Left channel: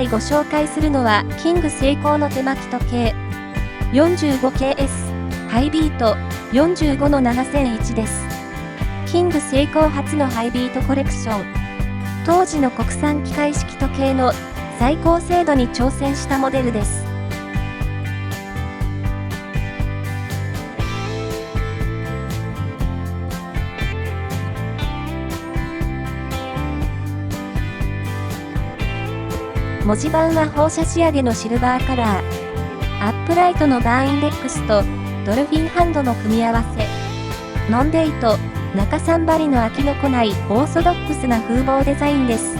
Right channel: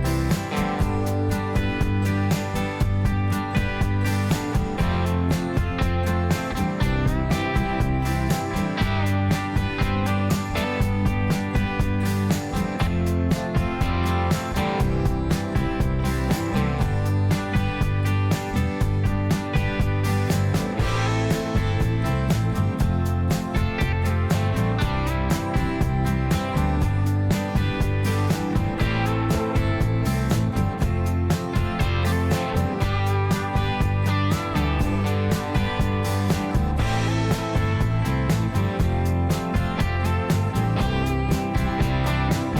回ご紹介するのはキングセイコーの手巻き時計 45KS ハイビート 45-7001 です。キングセイコー初のハイビートコレクション。当時の国産機械式時計の最高精度に挑戦したモデルです。文字盤は放射仕上げのシルバーカラー。アップライトのバーインデックスとドルフィンハンドの組み合わせ。ノンデイト、中3針の飽きのこないオーソドックスな風貌デザインです。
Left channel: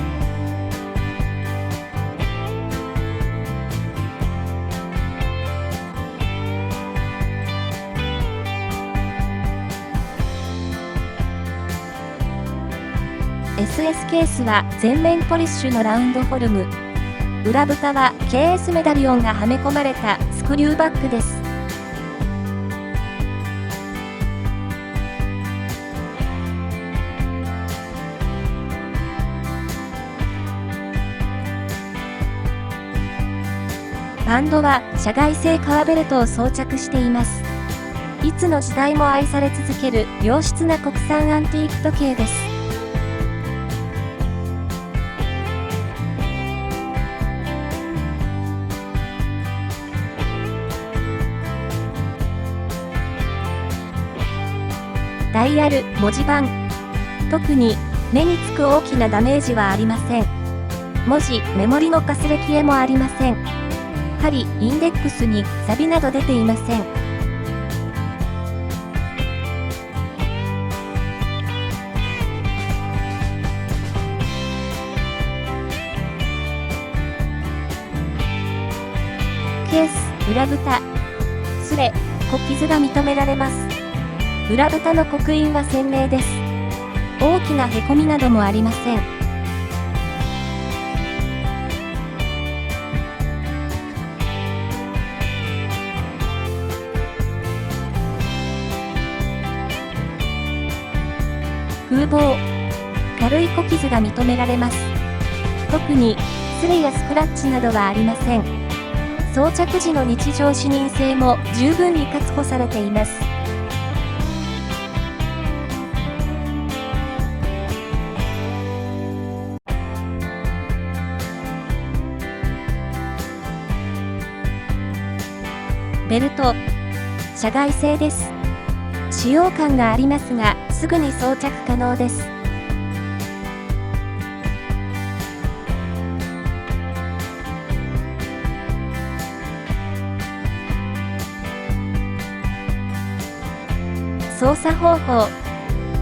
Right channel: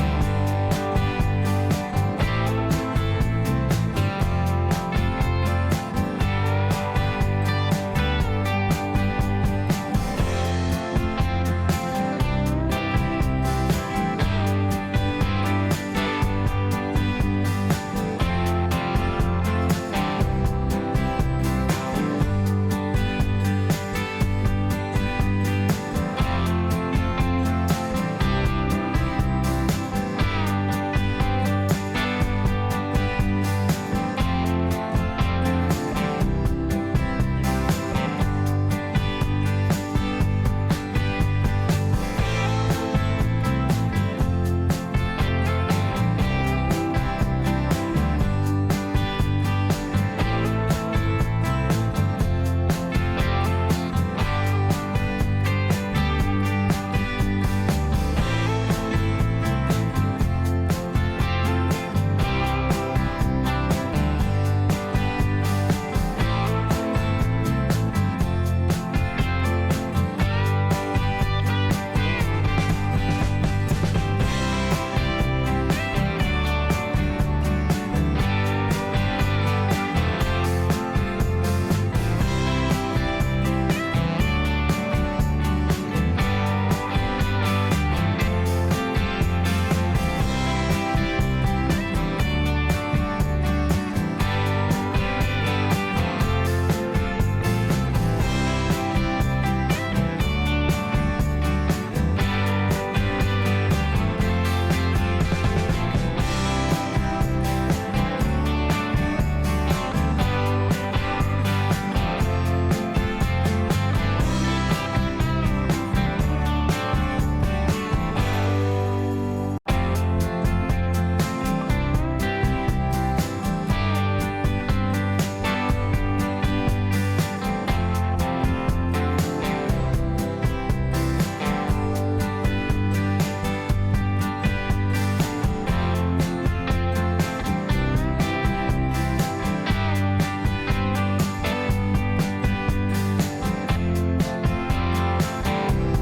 SS ケースは全面ポリッシュのラウンドフォルム。裏蓋は KS メダリオンがはめ込まれたスクリューバッグです。バンドは社外製革ベルトを装着しています。いつの時代も愛され続ける良質な国産アンティーク時計です。ダイヤル、文字盤。特に目につく大きなダメージはありません。文字、メモリのかすれ消えもありません。針、インデックスに錆など出ていません。ケース、裏蓋。すれ、小傷が認められます。裏蓋の刻印は鮮明です。大きなへこみなどもありません。風貌。軽い小傷が認められます。特にすれやスクラッチなどはありません。装着時の日常視認性も十分に確保されています。ベルト、社外製です。使用感がありますが、すぐに装着可能です。操作方法。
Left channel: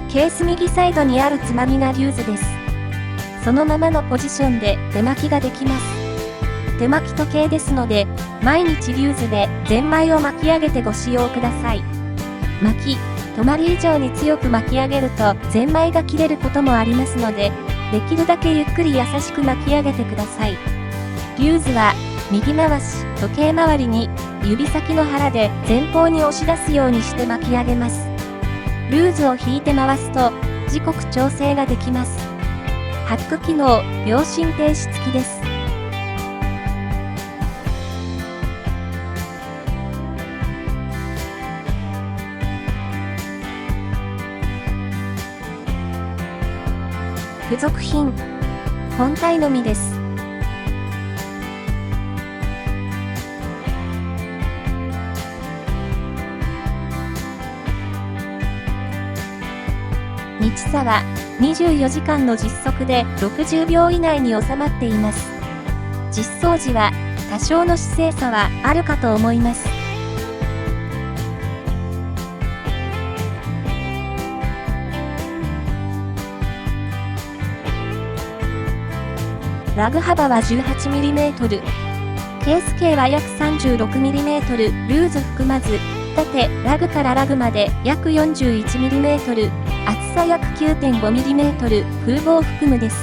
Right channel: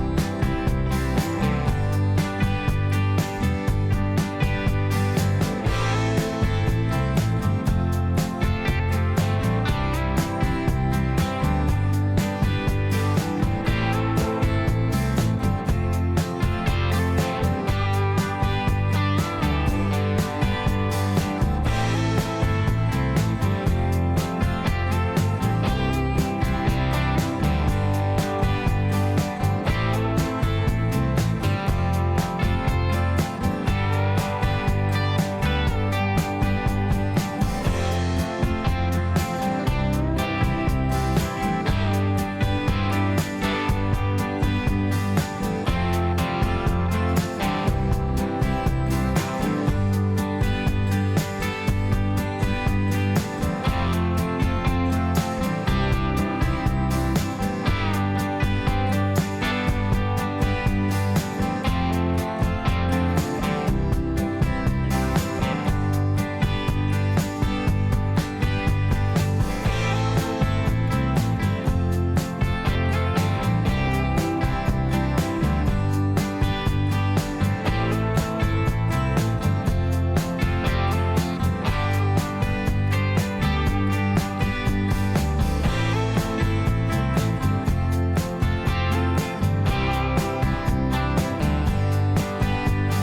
ケース右サイドにあるつまみがリューズです。そのままのポジションで手巻きができます。手巻き時計ですので、毎日リューズでゼンマイを巻き上げてご使用ください。巻き、止まり以上に強く巻き上げるとゼンマイが切れることもありますので、できるだけゆっくり優しく巻き上げてください。リューズは右回し、時計回りに指先の腹で前方に押し出すようにして巻き上げます。ルーズを引いて回すと時刻調整ができます。ハック機能、秒針停止付きです。付属品。本体のみです。日差は24時間の実測で60秒以内に収まっています。実装時は多少の姿勢差はあるかと思います。ラグ幅は 18mm、ケース径は約 36mm、ルーズ含まず、縦、ラグからラグまで約 41mm、厚さ約 9.5mm、風貌含むです。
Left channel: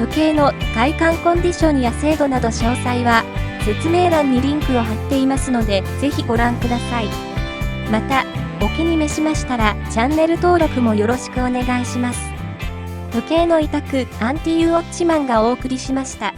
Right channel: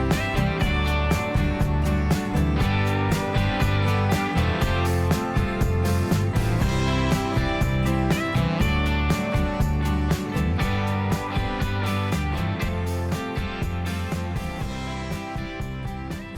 時計の外観コンディションや精度など詳細は説明欄にリンクを貼っていますので、ぜひご覧ください。また、チャンネル登録もよろしくお願いします。時計の委託、アンティーウォッチマンがお送りしました。